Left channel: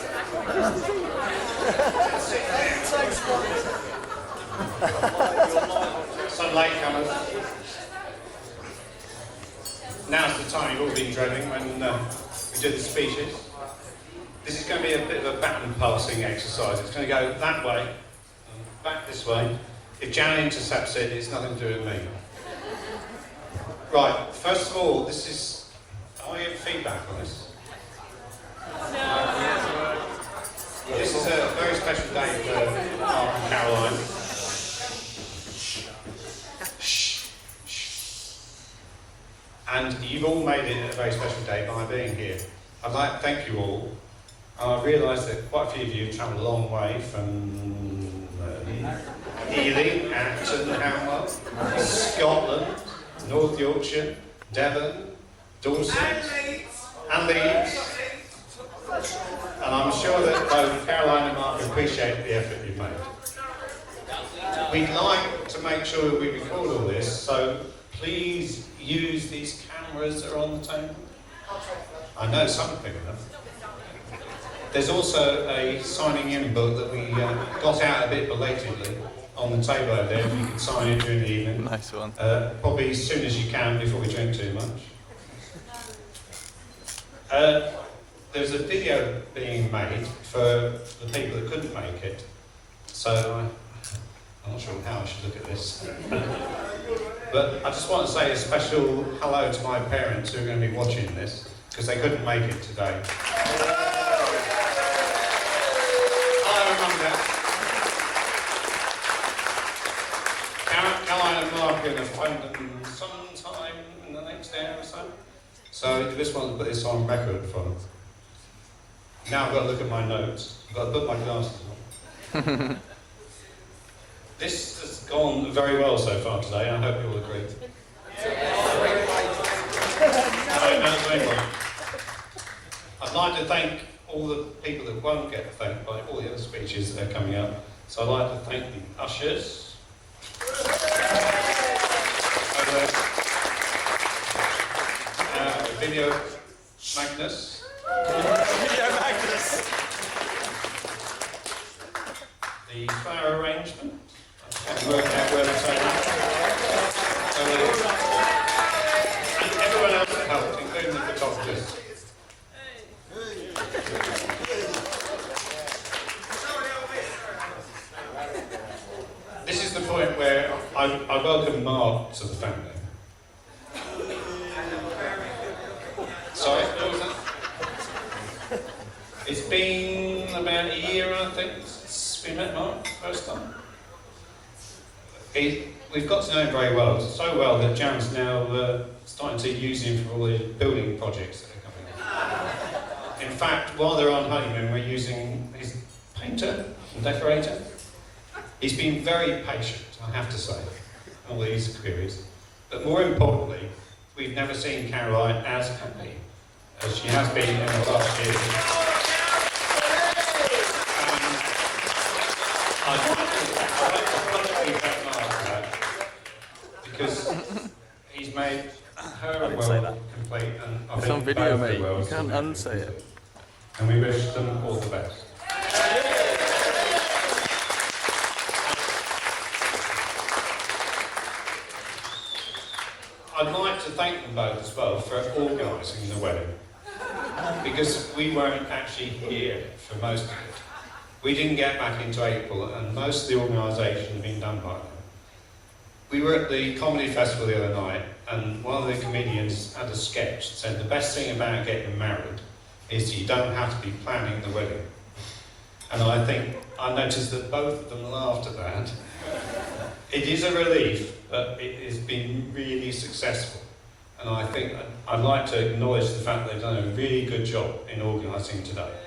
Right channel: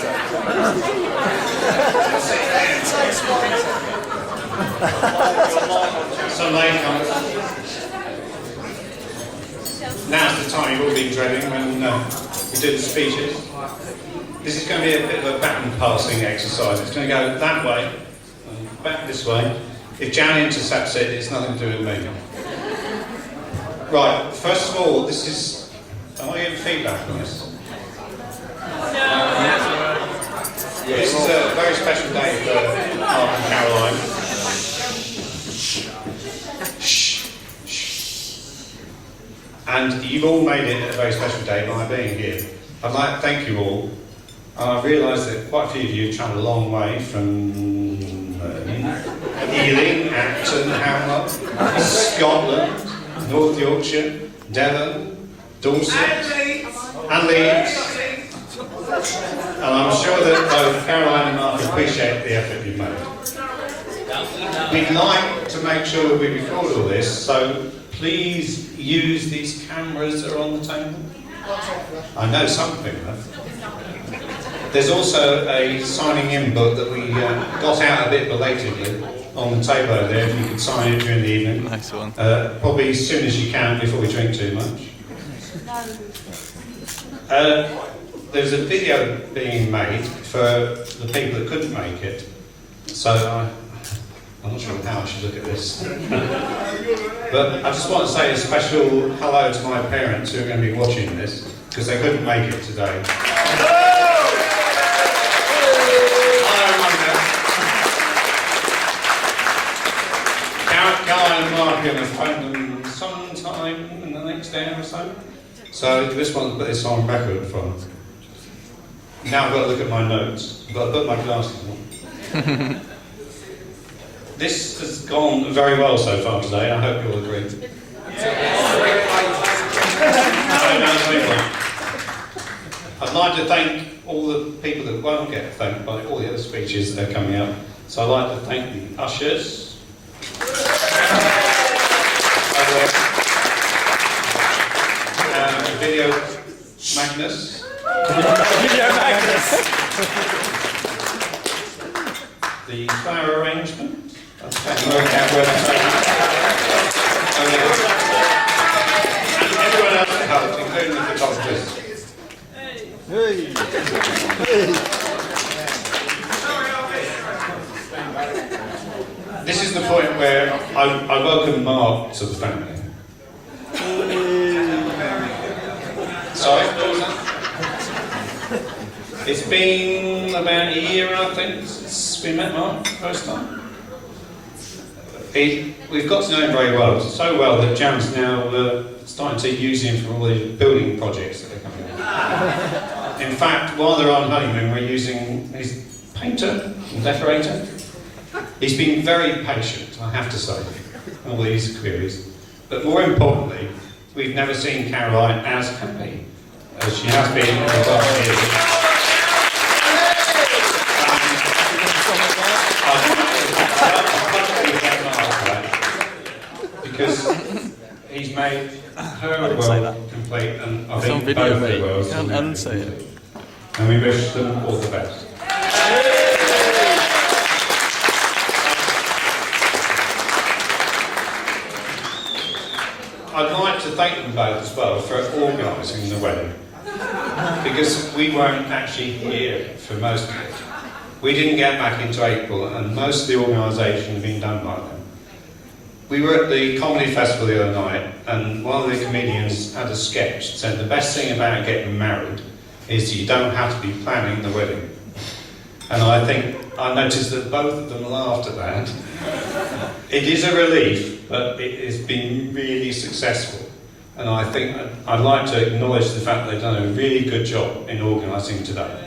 So late, now's the time you've all been training when you do the speeches. This is going to be a bit of a baton passing exercise. It's going to go that way, back this way. If Jan intercepts it, it's nothing to do with me. Right, first of all, this is... Am I getting feedback on this? This is a very special day for and you've all made it a very special day by being here. I'd like to thank you all. I realise that quite a few of you have travelled a long way from Ealing, Acton, Hamlet, Scotland, North Yorkshire, Devon, Dorset, and Leeds. And I'm sure that both Caroline and Mark appreciate the effort you've made. We'd like to make sure that we record all this, so please use these cameras that are on the table. I know some people have. There's also a signing in book that we got out a bit belatedly on the table over there, if you can sign it during the evening. Nice one. Probably as soon as you can before we drink too much. There's a video being made for the people that couldn't make it, so I'm not sure how I should look at this. But I just want to say a special hello to my parents who are going to be watching this, because they couldn't make it today. Caroline and Mark are going to phone them sometime in the next day or so. So this one, put this on record for them. Now I've got to look at my notes. I've got to put my glasses on. This has gone very well so far today. I hope you'll agree. I'd like to thank all the people that won't get thanked by all the other speeches that are coming up. So I'd like to thank the ushers. Video Magnus. Video Magnus. The flower arrangement. This is the point where I welcome Mark to the family. Sorry. It's been about a year, I think, since we met Mark first time. We've got to know him very well, so well that Jam's now starting to use him for all the building projects that are coming out. In fact, while they're on honeymoon, we're using his painter and decorator. He's been very patient, I have to say, all these queries. But more importantly, we've never seen Caroline as happy as she has been in the past years. Because he's made her world complete, and I think both their worlds will be complete. And we wish them all the best. I'd like to thank them both as well for organising the wedding, because we weren't actually here for most of it. We didn't get back into April, and most of the organisation had been done by them. We were at the comedy festival the other night, and one of the comedians had a sketch that said the best thing about getting married is you don't have to be planning the wedding. And I think I noticed that both of them laughed at that. It is a relief, but it has been really successful. And I think I'd like to acknowledge the fact that they've done a really good job in organising today.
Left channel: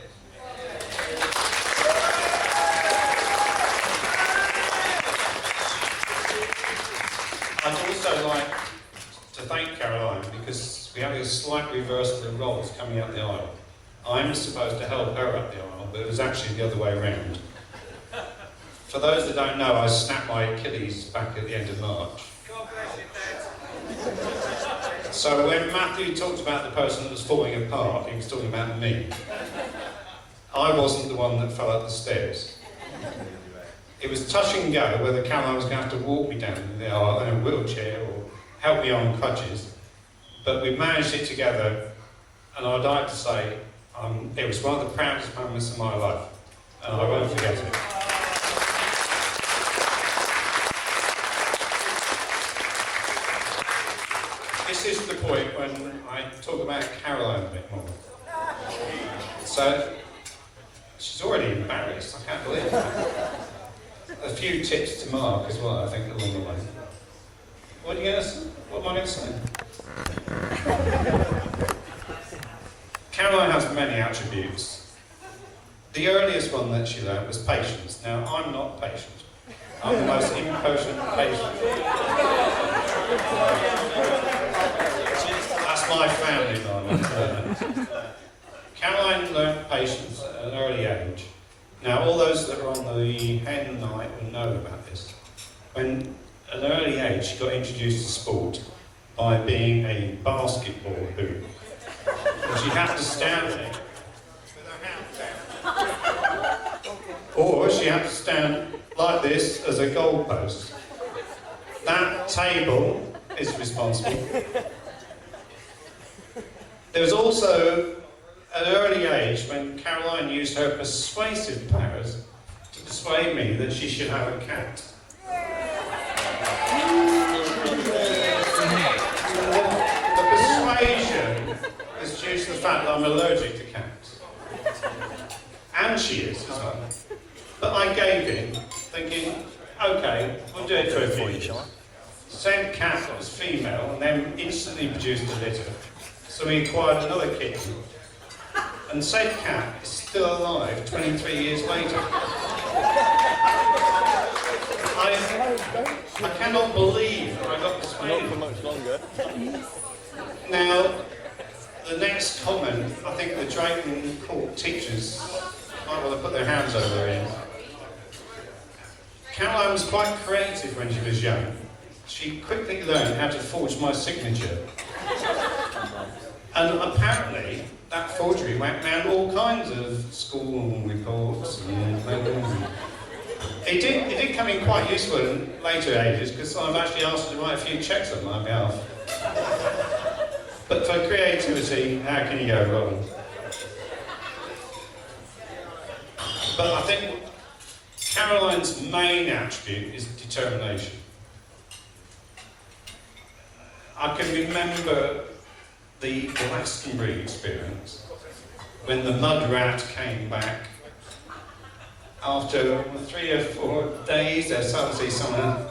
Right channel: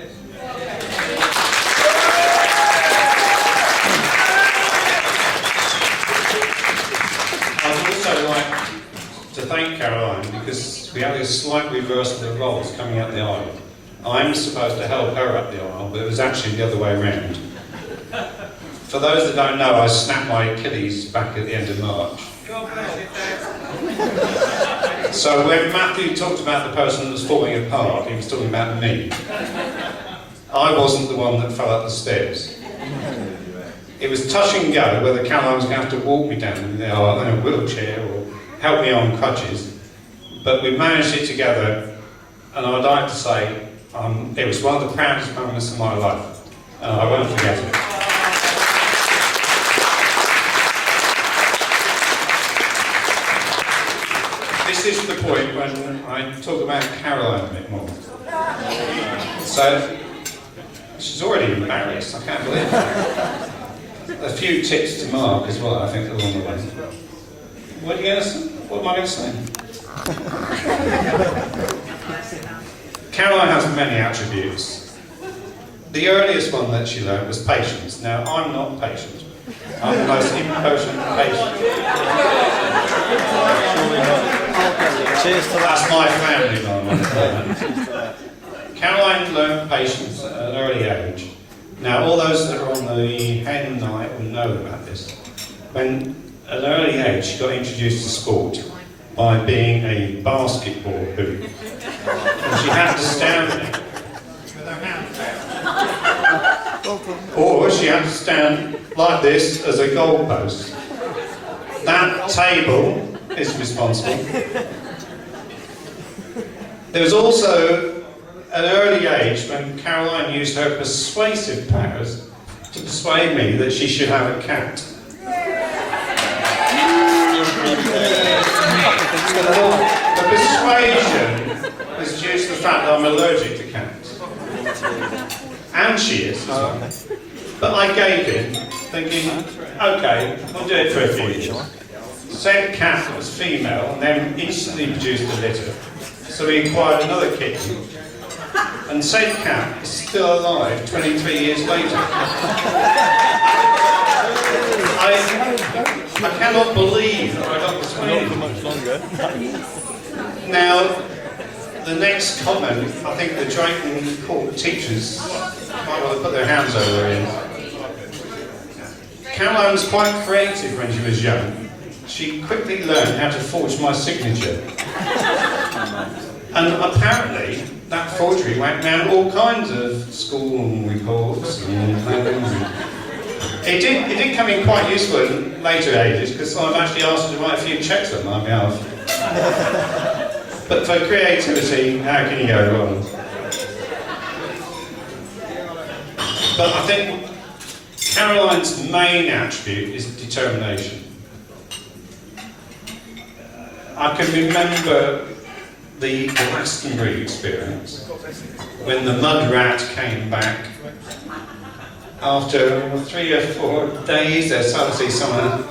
I'd also like to thank Caroline, because we had a slight reversal of roles coming up the aisle. I'm supposed to help her up the aisle, but it was actually the other way around. For those that don't know, I snapped my Achilles back at the end of March. God bless you, Dad. So when Matthew talked about the person that was falling apart, he was talking about me. I I wasn't the one that fell up the stairs. It was touch and go whether Caroline was going to have to walk me down in a wheelchair or help me on crutches. But we managed it together, and I'd like to say it was one of the proudest moments of my life, and I won't forget it. This is the point when I talk about Caroline a bit more. So, she's already embarrassed, I can't believe it. A few tips to Mark as well, I think, along the way. What am I going to say? Caroline has many attributes. The earliest one that she learned was patience. Now, I'm not patient. I'm the most impatient patient. Cheers to That's my family moment. Caroline learned patience at an early age. Now, all those that are on the hen night will know about this. When, at an early age, she got introduced to sport by being a basketball hoop. And she had to stand with her hands out. Or she had to stand like this as a goalpost. That table is responsible. There was also an early age when Caroline used her persuasive powers to persuade me that she should have a cat. The persuasion is due to the fact that I'm allergic to cats. And she is. But I gave in, thinking, okay, I'll do it for you. Said cat was female and then instantly produced a litter. So we acquired another kitten. And said cat is still alive 23 years later. I cannot believe that I got this. Now, the next comment, I think the jointly called teachers might well put their hands over it. Caroline was quite creative when she was young. She quickly learned how to forge my signature. And apparently, that forgery went down all kinds of school reports and it did come in quite useful in later ages, because I'm actually asked to write a few checks on my behalf. But for creativity, how can you go wrong? But I think Caroline's main attribute is determination. I can remember the Glastonbury experience when the mud rat came back. After 3 or 4 days, they started to see someone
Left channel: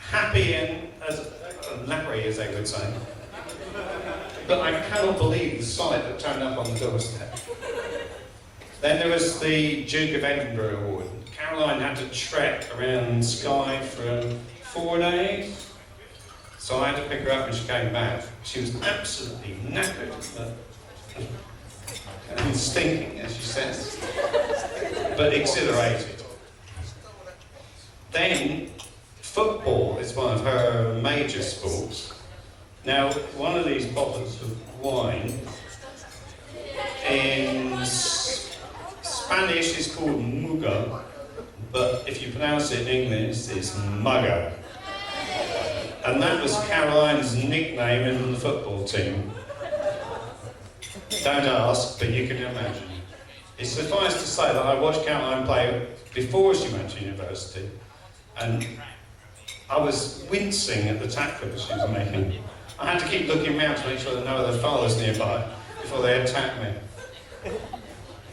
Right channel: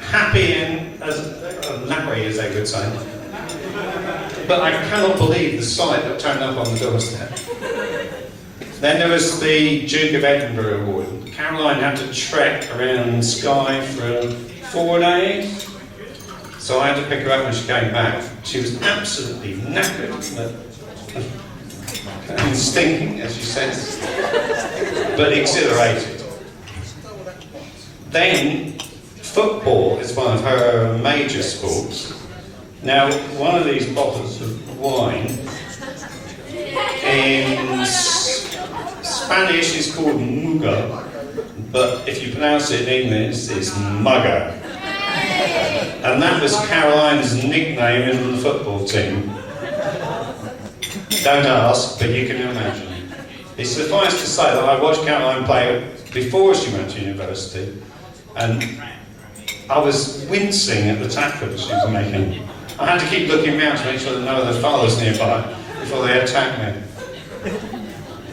happy and nappy, as they would say. But I cannot believe the sight that turned up on the doorstep. Then there was the Duke of Edinburgh Award. Caroline had to trek around Skye for 4 days. So I had to pick her up when she came back. She was absolutely knackered, and stinking, as she says, but exhilarated. Then, football is one of her major sports. Now, one of these bottles of wine in Spanish is called muga, but if you pronounce it in English, it's mugger. And that was Caroline's nickname in the football team. Don't ask, but you can imagine. It's suffice to say that I watched Caroline play before she went to university, and I was wincing at the tackles she was making. I had to keep looking around to make sure that no other fathers nearby before they attacked me.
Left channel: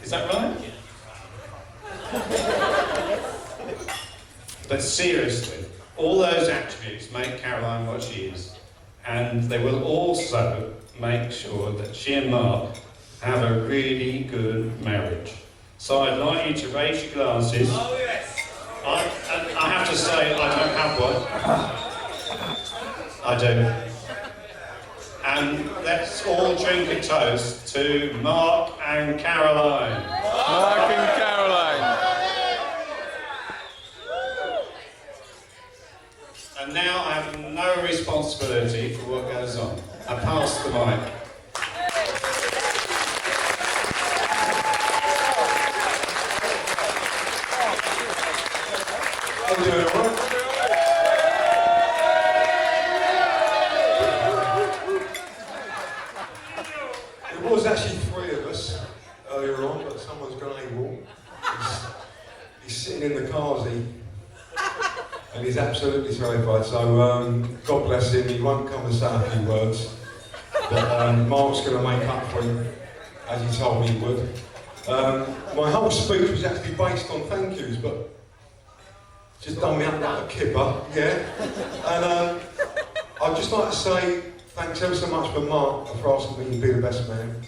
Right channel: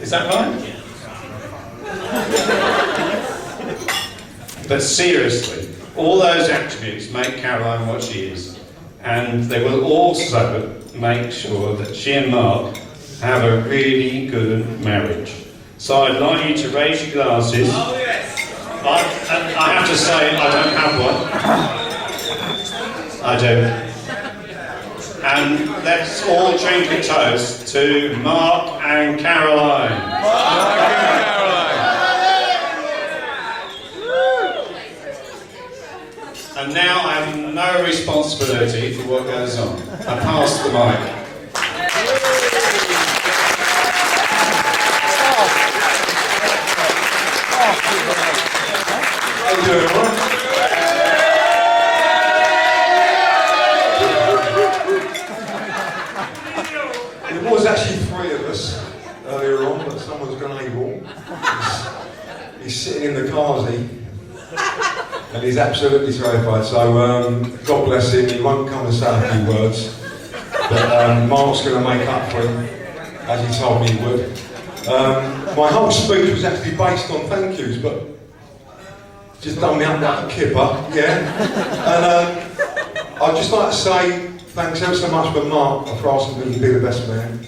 Is that right? But seriously, all those attributes make Caroline what she is, and they will also make sure that she and Mark have a really good marriage. So I'd like you to raise your glasses. Oh yes! I have to say, I don't have one. I do. And let's all drink a toast to Mark and Caroline. And now I have no responsibility for what goes on. I pass the mic. He's sitting in the car, and he's absolutely terrified. So God bless him. He won't come and say a few words, but Mark's going to make up for him, as he told me he would. My whole speech was actually based on thank yous, but just done me up like a kipper, yeah. I'd just like to say thanks ever so much for Mark for asking me to be the best man.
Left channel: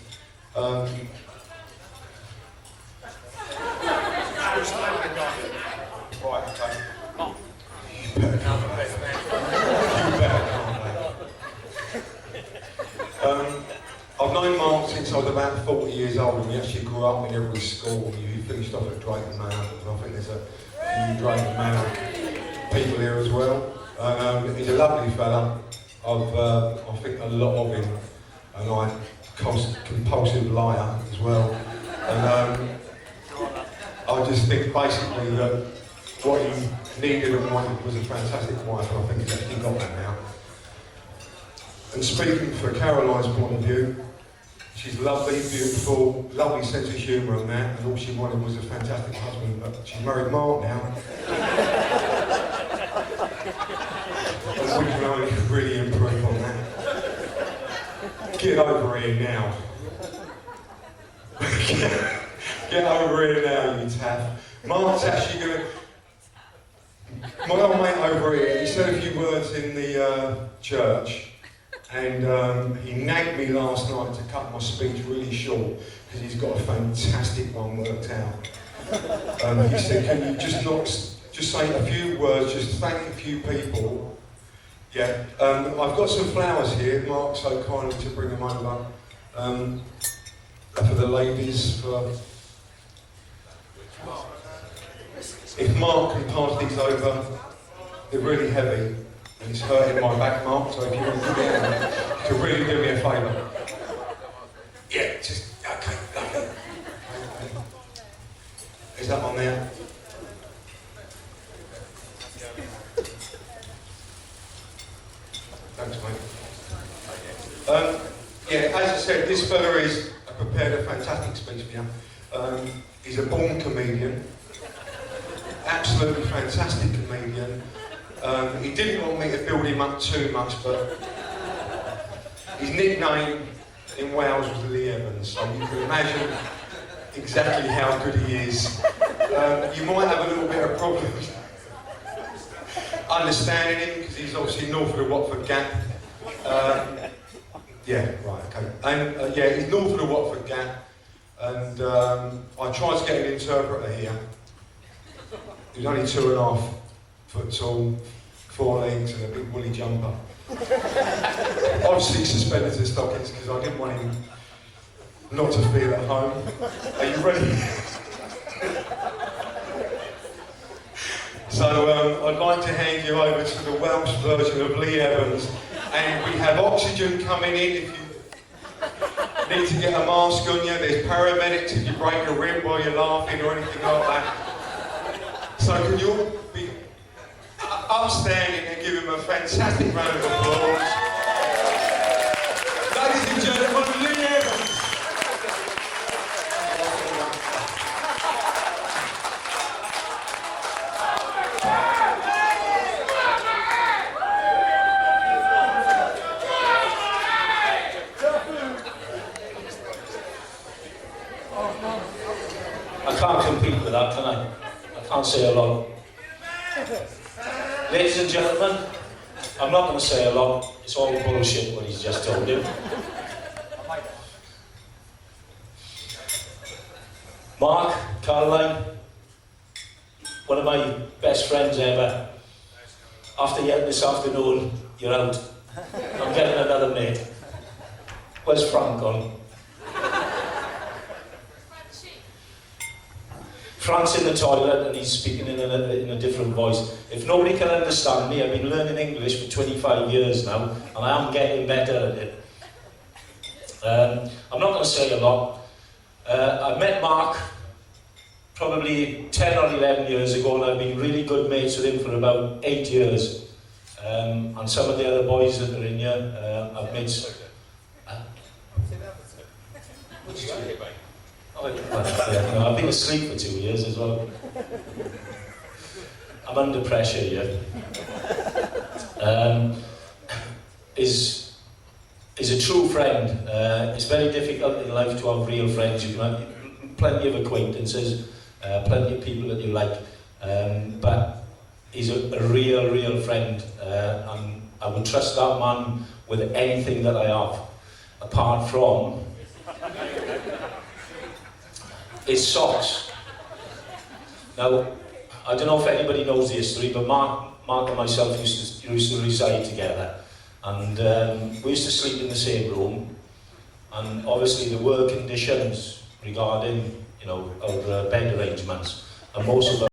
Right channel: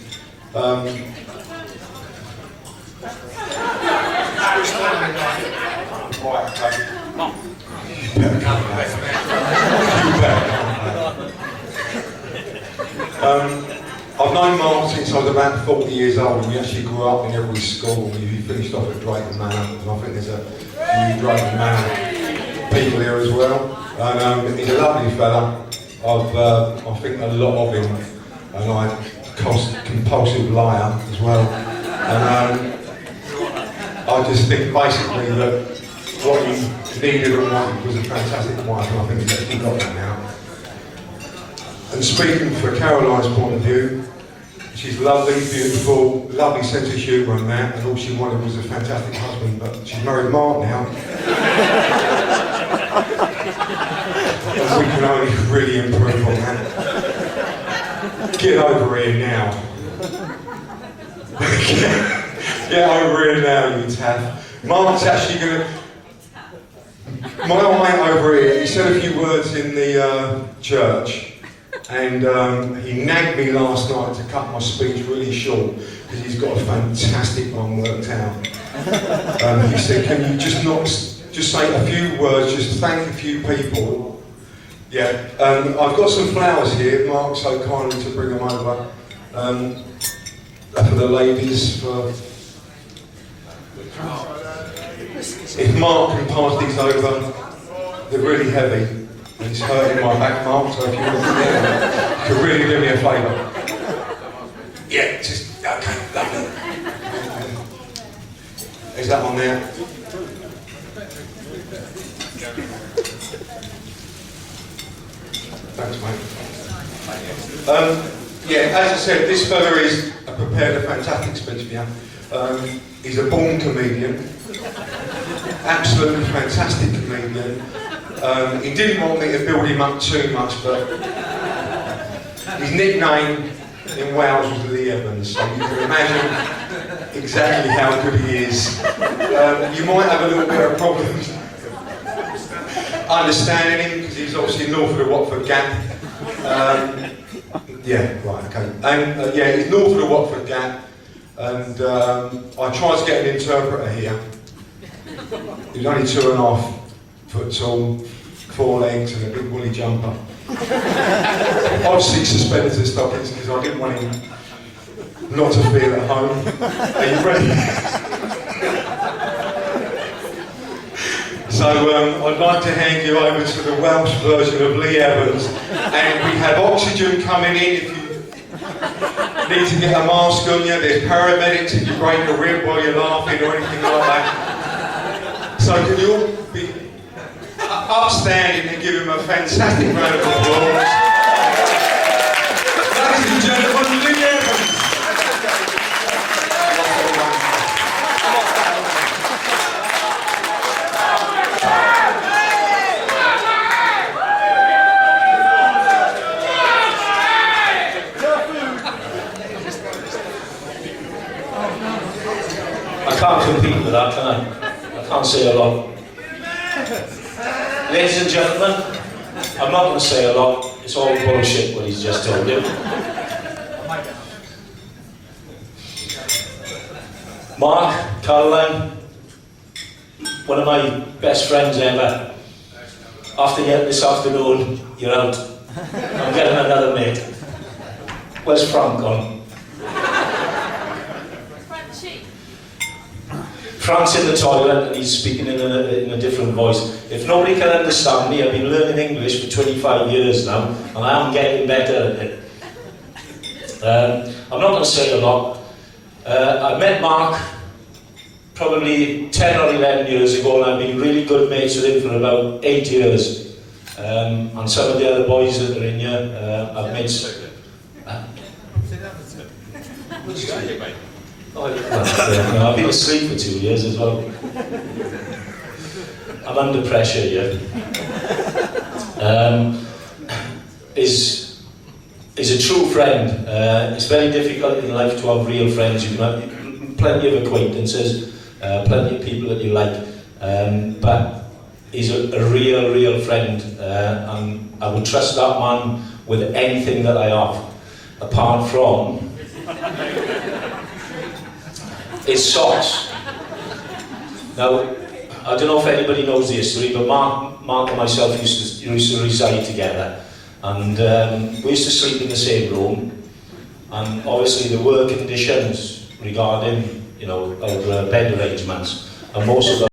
I've known Mark since I was about 40 years old. We actually grew up in every school. He finished off at Drayton Manor, and I think there's a few Drayton Manor people here as well. And he's a lovely fella. I think a lot of him, and I'm a compulsive liar as well. And I just think basically that what he needed and wanted was a fantastic wife, and I think he's actually got that now. And speaking from Caroline's point of view, she's lovely, beautiful, lovely sense of humour and that, and all she wanted was a fantastic husband, but she's married Mark now. So we can only really improve on that. Get over here now. Get over here now, you taff. Mark's actually going to... My old mate over here, he said a few words in the church, and he nagged me last night to cut my speech really short, because he's got a fantastic one worked out. He said, can you just say a few words, just thank a few people. Yeah, I've got some flowers here, Mark's so kind to bring them over. For the ladies. If Mark can pass these over, they're really heavy. It's hurting my back, Mark, so if you could really do me a favour. Yeah, just, okay. Is that one there? Thanks, mate. Yeah, as I said, this fella is prepared a fantastic speech for you. He's a born comedian, absolutely fantastic comedian. He didn't want me to build him up too much, but his nickname in Wales was the Evans, so you can imagine exactly how good he is. You might have a little bit of problems understanding, because he's obviously north of the Watford Gap. Yeah, right, okay. And yeah, he's north of the Watford Gap, and I tried to get an interpreter here. He's only 2.5 foot tall, 4 legs and a big woolly jumper. Obviously suspended his stockings because I didn't want him not to feel at home. Are you ready? So I'd like to hand you over to the Welsh version of Lee Evans, and we have oxygen coming in. If you need to get a mask on you, there's paramedics if you break a rib while you're laughing or anything like that. So can you all be upstanding and give him a fantastic round of applause? Ladies and gentlemen, Lee Evans. I can't compete with that, can I can't say a lot. Ladies and gentlemen, I'm not going to say a lot. It's all bullshit what he's just told you. Mark, Caroline, one of my best friends ever. After this afternoon, you're out. I'm getting another mate. Where's Frank gone? Frank's in the toilet, he's speaking in a different voice. If nobody can understand me, I've been learning English for 25 years now, and I'm getting better at it. I'm not going to say a lot. I met Mark probably 10 or 11 years ago, and I've been really good mates with him for about 8 years. And some of the other boys that are in here, I've made... I've been asleep for 2 years as well. I'm under pressure here. Is a true friend. It's very difficult in life to have real friends. You can have plenty of acquaintances, plenty of people that you like, but he's a real friend, and I would trust that man with anything that I have, apart from his socks. Now, I don't know if anybody knows the history, but Mark and myself used to reside together, and we used to sleep in the same room, and obviously the work conditions regarding, our bed arrangements, and most of